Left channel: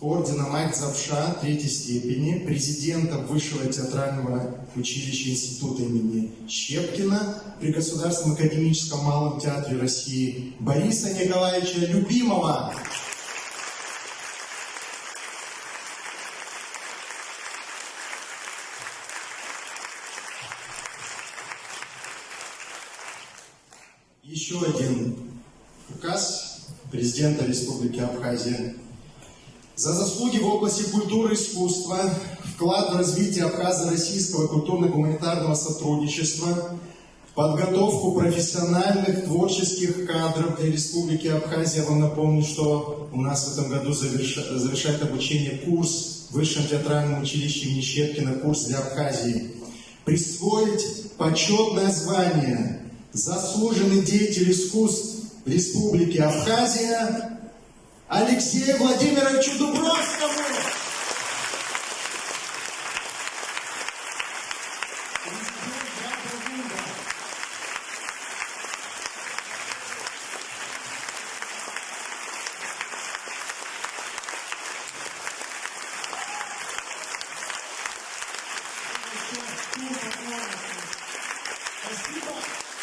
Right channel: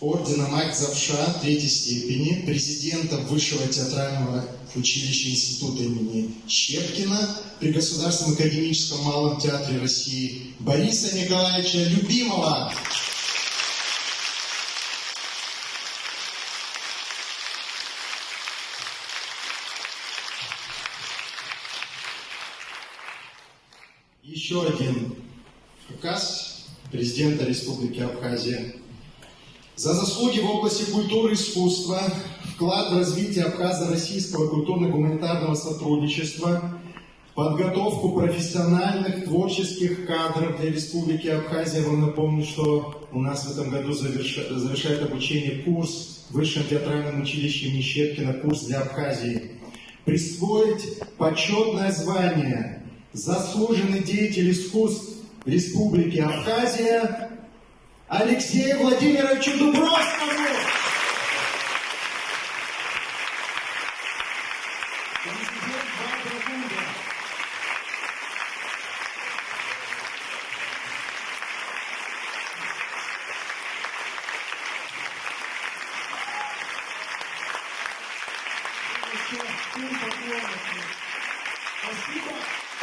ордена Мать Завша третьей степени, президента Высшего театрального училища Института имени Щепкина при Государственном академическом малом театре России Бориса Николаевича Любимова. Еще один указ президента Республики Абхазия. За заслуги в области культуры и искусства, вклад в развитие абхазо-российского культурно-гуманитарного сотрудничества, подготовку профессиональных творческих кадров для Республики Абхазия. Я вам напомню, что у нас в этом году завершает обучение курс в Высшем театральном училище имени Щепкина, курс для Абхазии. Присвоить почетное звание «Заслуженный деятель искусств Республики Абхазия» Алексею Владимировичу Дубровскому. Спасибо.